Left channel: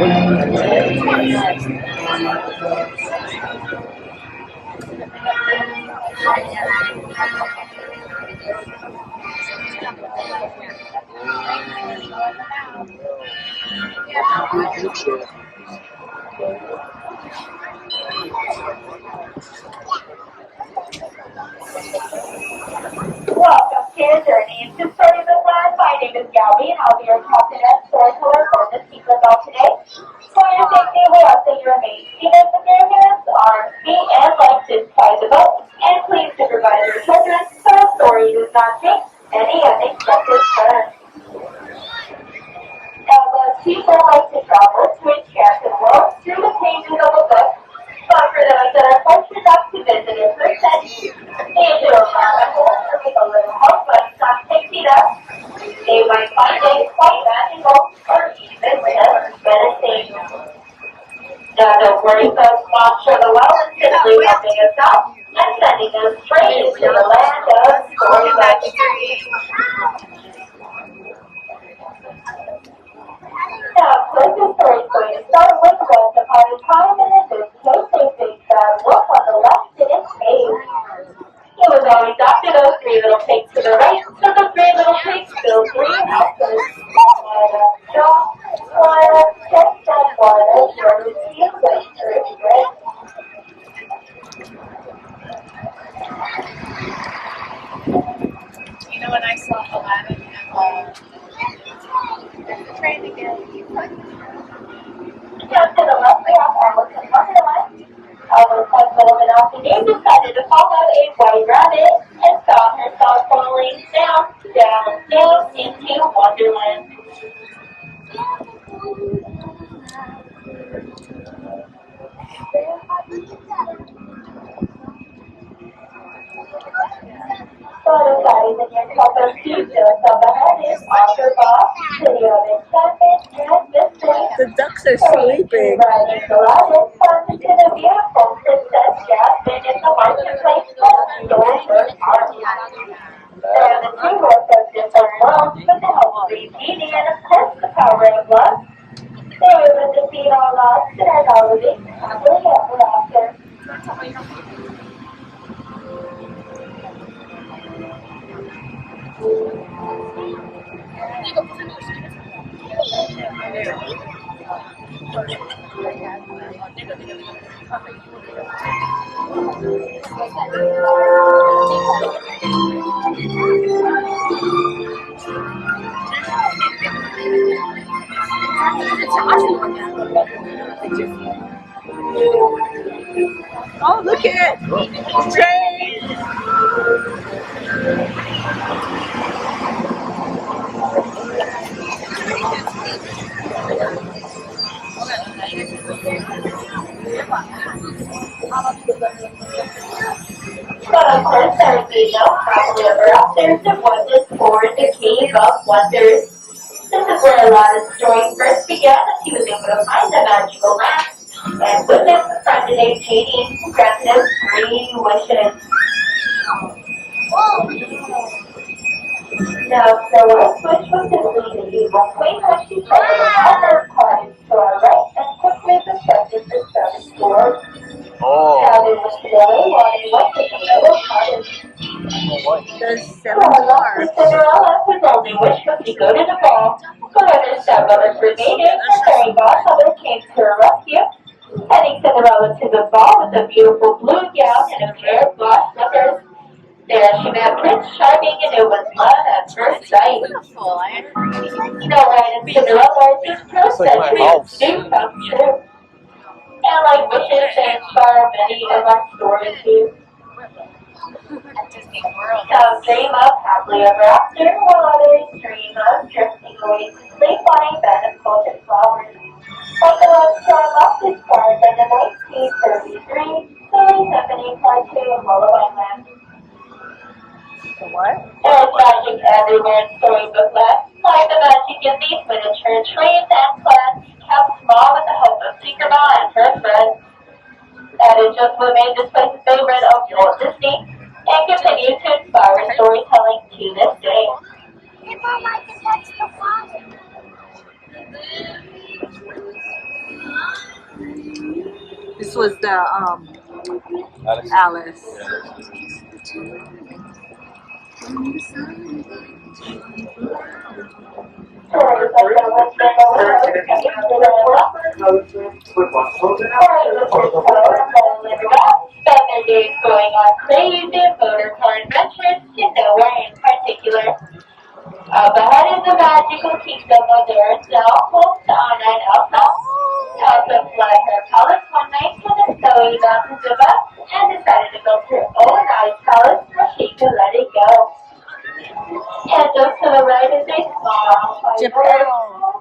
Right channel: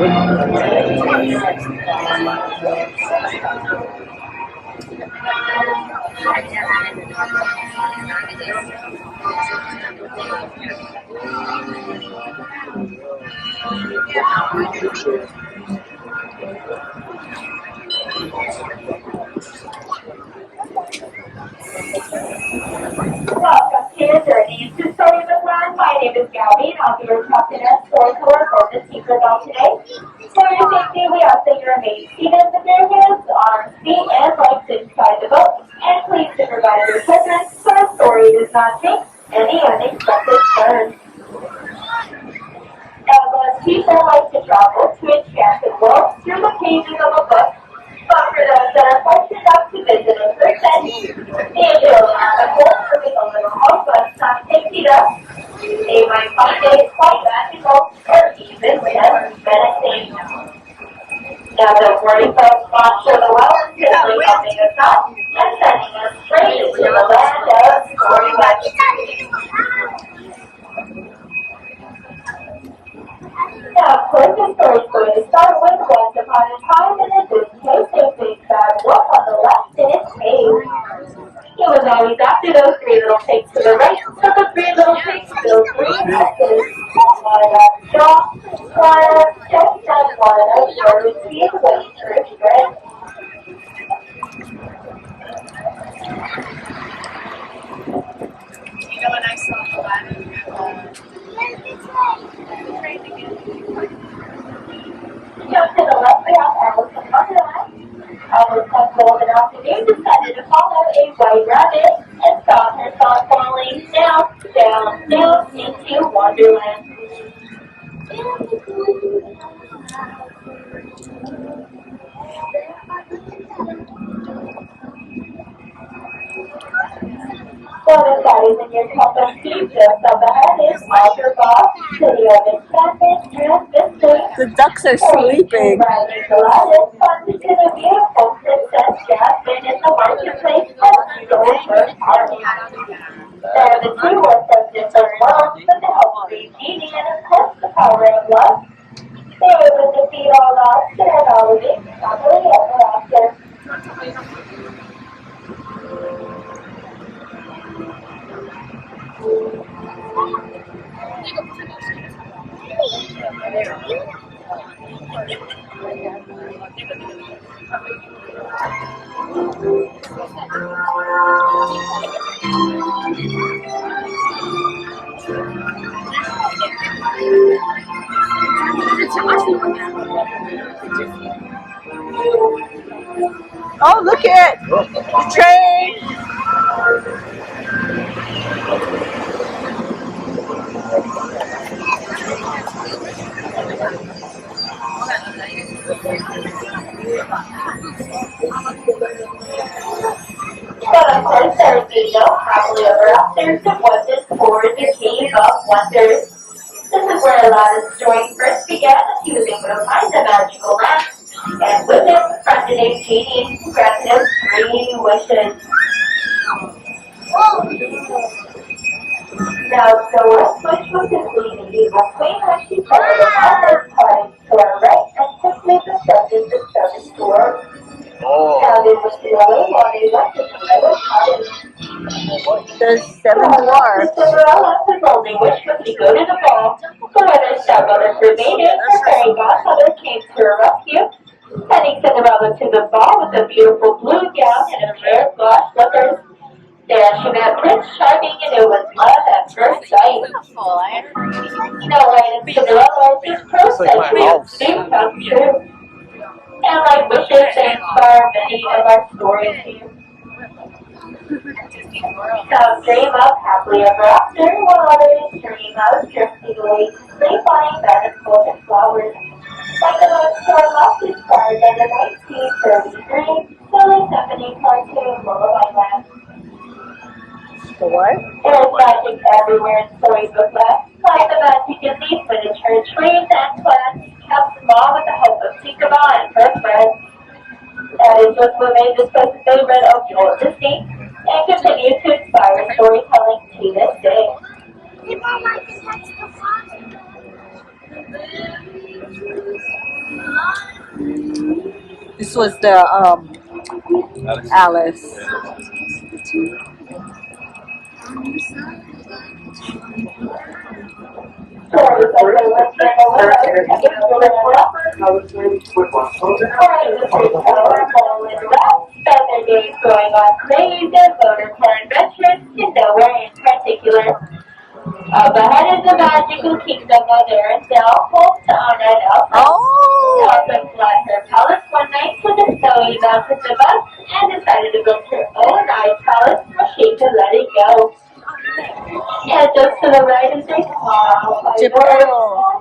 Welcome to your journey to Storybook Land. My name is Gabby, and I'll be your captain and storyteller for the secret bell today. For your safety, we ask that you remain seated with your hands, arms, feet, and legs inside the boat. And please supervise your children so the story does not take any unexpected turns. Now, most people like to travel to enchanted worlds through the pages of a book. But for those that are fortunate enough to visit in person, the digital magical with a little help but some tasty dust, they might find it quite magical or even menacing. Now, don't worry, folks, Monster the Well is simply helping us out and sending us straight into the land of Storybook. Now, of course, the story is going to start with once upon a time, and in this case, a big bad wolf on the left in its cave. He was always after those three little pigs to the right, so the three little pigs built three houses. One up shop, one up chest, and one up shirt. He was waiting for his friend. You know when I saw Aladdin and the train again? Now, to the left, we have Alice in Wonderland. Alice had golden afternoon decided to follow a white rabbit and found herself falling down, down, down into Wonderland. So the daddies in your cup of tea just up ahead is Walter Boss, City of Enchantment, and Mystery. The ducks are sleeping. Riding Aladdin, to the beautiful Princess Jasmine in the marketplace of Storybook Park. There are the two worlds of different worlds with the help of a genie and of course the power of love. They were able to defeat all odds and all living happily ever after. Oh, look at train! But of course there would be no happily ever after if it wasn't for the Cave of Wonders. This is where Aladdin's story first began as he was able to find the magical lamp. And with it befriended a genie who granted him 3 wishes. Now, the worst wish was to flee the evil queen when she told the father's cottage to our right and quickly descended the 7 doors. Now they wished away while they went to the little cottage. There's 7 more. Cinderella, whose only wish was to go to the ball. However, stepmother forbade it, her fairy godmother came to her rescue, sending Cinderella to the ball with a beautiful blue gown and a pair of glass slippers. There she met Prince Charming, and it was love at first sight. Snow White and Cinderella are just princess dreams do come true. And like wishes that inspire many of our stories here. Some dream of happily ever after, while others dream of drifting away to sleep on a bed of golden flowers. Like the most left inspired by the 1933 Silly Symphony cartoon Lullaby Land. The what? There's magic everywhere in Storybook Land, like the magic in these miniature trees and plants, kept small with the help of Tinkerbell and her friends. That is just what made this place a favorite of Walt Disney, and continues to inspire storytelling to this day. People like to touch the water. This was the Alice. Seven days going on crazy motor car adventures to nowhere in particular. Up ahead is the magical kingdom of Arizona, home to Anna and Elsa. Oh! Elsa fled her palace one night to the snowy mountains above and decided to build her own ice palace so she could let it go. And just to the right is a small Geppetto.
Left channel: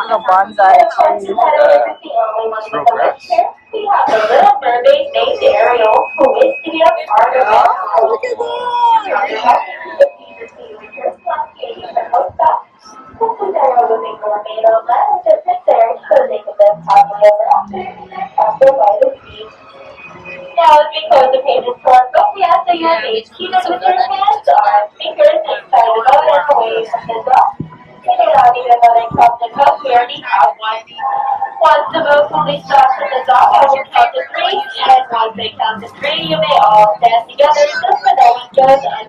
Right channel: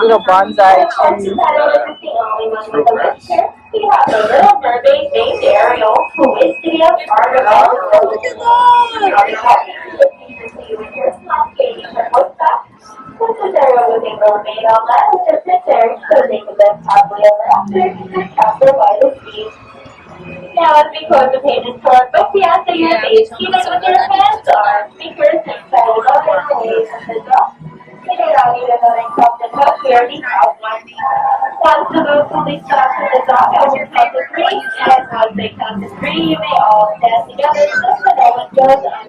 Little bonsai tree. We have a little mermaid named Ariel who is to be a part of Oh, look at that! Princess Ariel was a mermaid on land with her prince Eric, so they could live happily ever after in their castle by the sea. Now, as we close the pages to our book, we ask that your face keep it with your hands, arms, fingers, and side of the and away from the dog. We do not need another cup to cup, we already have one. Once the boat fully stops at the dock, I will count to three, and once they count to three, you may all stand together just so no one goes